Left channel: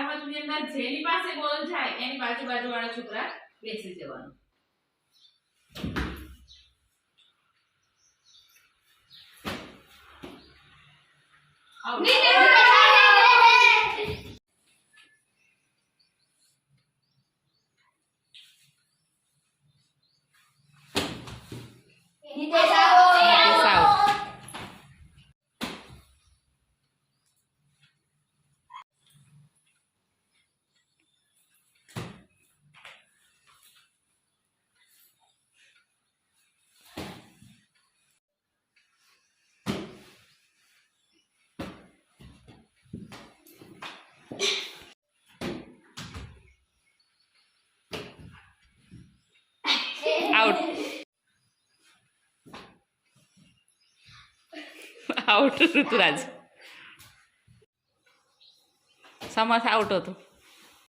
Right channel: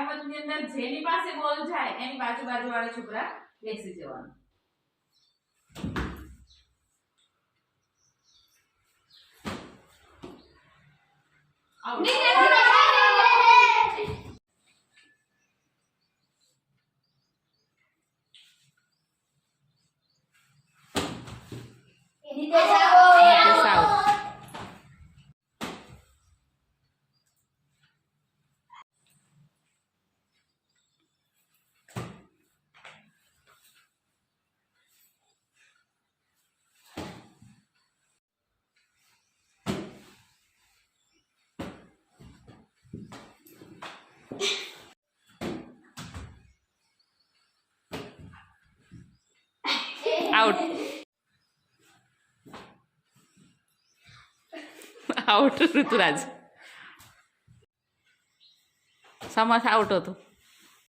રમતની અંદર જેની પાસે બોલ જાય એની બાજુ વાળા છોકરા બેસી જવાનું આઉટ. Out. आउट ऋतुराज समास आउट होतो